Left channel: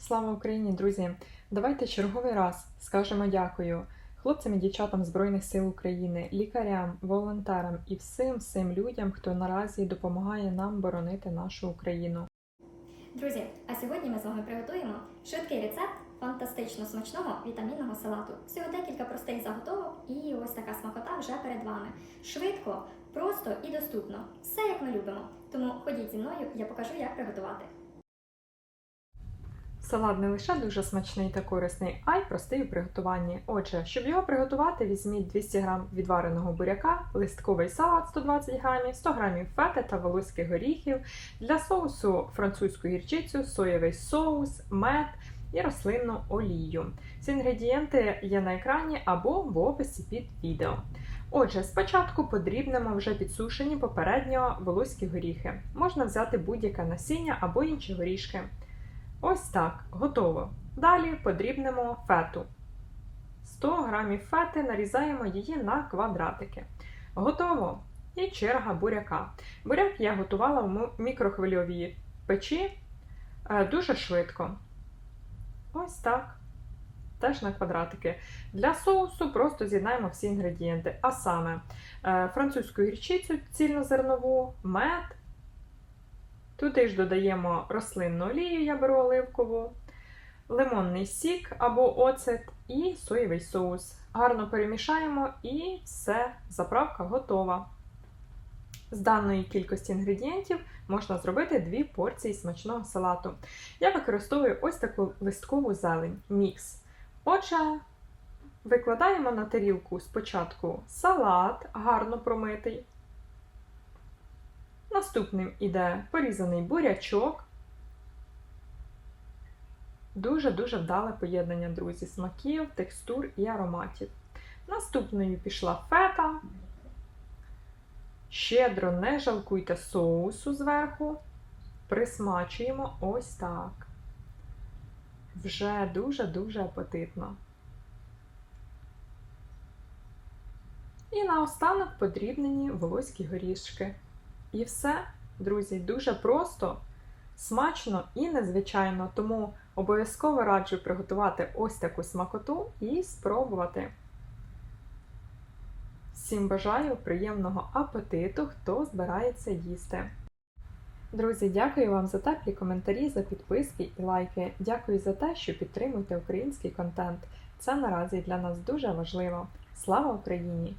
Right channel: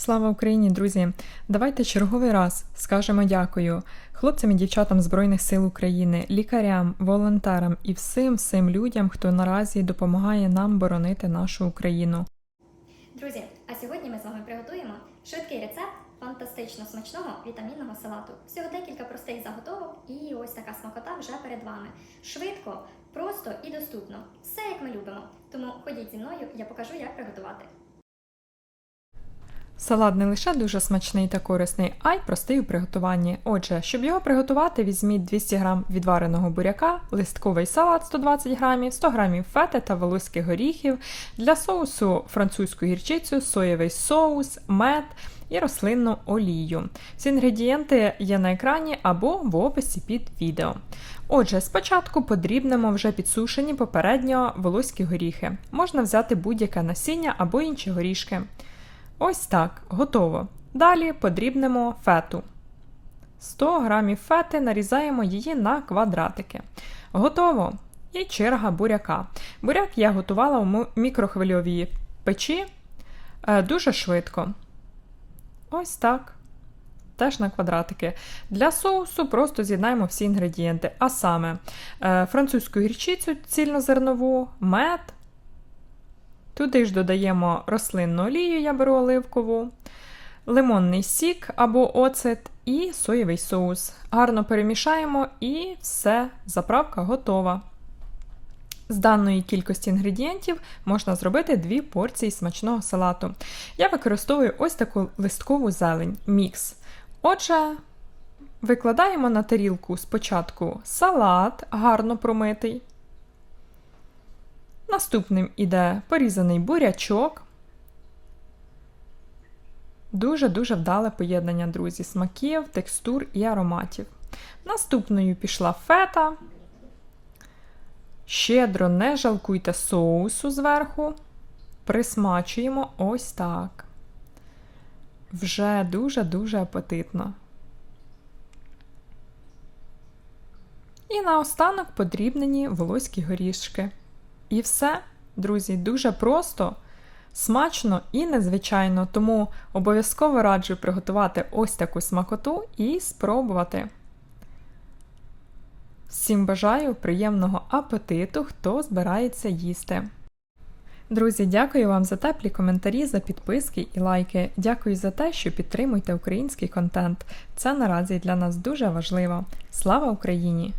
Слава Україні, друзі! Давайте черговий раз скажемо дякую хлопцям і дівчатам Збройних сил України, лікарям, волонтерам і всім всім людям, хто наразі допомагає нам боронити нашу Україну. Друзі, а сьогодні ми з вами приготуємо швидкий рецепт фантастично смачного вітамінного салату. Всього декілька простих заготовок, і ось така смакота вже перед вами. Швидко, просто і доступно. Все як ми любимо. Тому ходіть зі мною, я покажу, як приготувати. Салат не лише дуже смачний та корисний, а й простий у приготуванні. Отже, щоб його приготувати, візьміть 200 г відвареного буряка, листковий салат 120 г, 100 г фети та волоських горіхів, для соусу французьку гірчицю, соєвий соус, мед і рослинну олію. Ці інгредієнти є на екрані або в описі під відео. Отже, спочатку подрібнемо вже підсушені попередньо волоські горіхи. Можна взяти будь-яке насіння або інші горішки. Ось так, готово. Далі подрібнемо фету. 100 г фети нарізаємо її на квадратики. Готово! І черга буряка. Буряк я готувала у мікрохвильовій печі е, дуже швидко. Ось так. Теж на квадратики. Для соусу просто з'єднаємо всі інгредієнти. А саме е, французьку гірчицю цільнозернову, мед. Туди ж додаємо рослинну олію, я беру оливкову, лимонний сік або оцет і соєвий соус. Гарно перемішаємо і все, заправка готова. З даної кількості інгредієнтів можна зробити дві порції смачного салату. Я використовую ось таку листкову зелень мікс. Отже, викладаємо на тарілку спочатку салат, гарно промитий. Наступним іде порізаний бурячок. Дуже-дуже вдале поєднання, друзі, смаків, текстур і ароматів. Наступною пішла фета. Щедро не жалкуйте соусу зверху. Присмачуємо ось так. Вже дуже-дуже апетитно. І наостанок подрібнені волоські горішки. І все, друзі, дуже просто, смачно і незвичайно, тому обов'язково раджу приготувати ось таку смакоту і спробувати. Всім бажаю приємного апетиту, хто збирається їсти. Друзі, дякую вам за теплі коментарі, за підписки і лайки. Дякую за те, що підтримуєте український контент. Це наразі для нас дуже важливо. Слава Україні!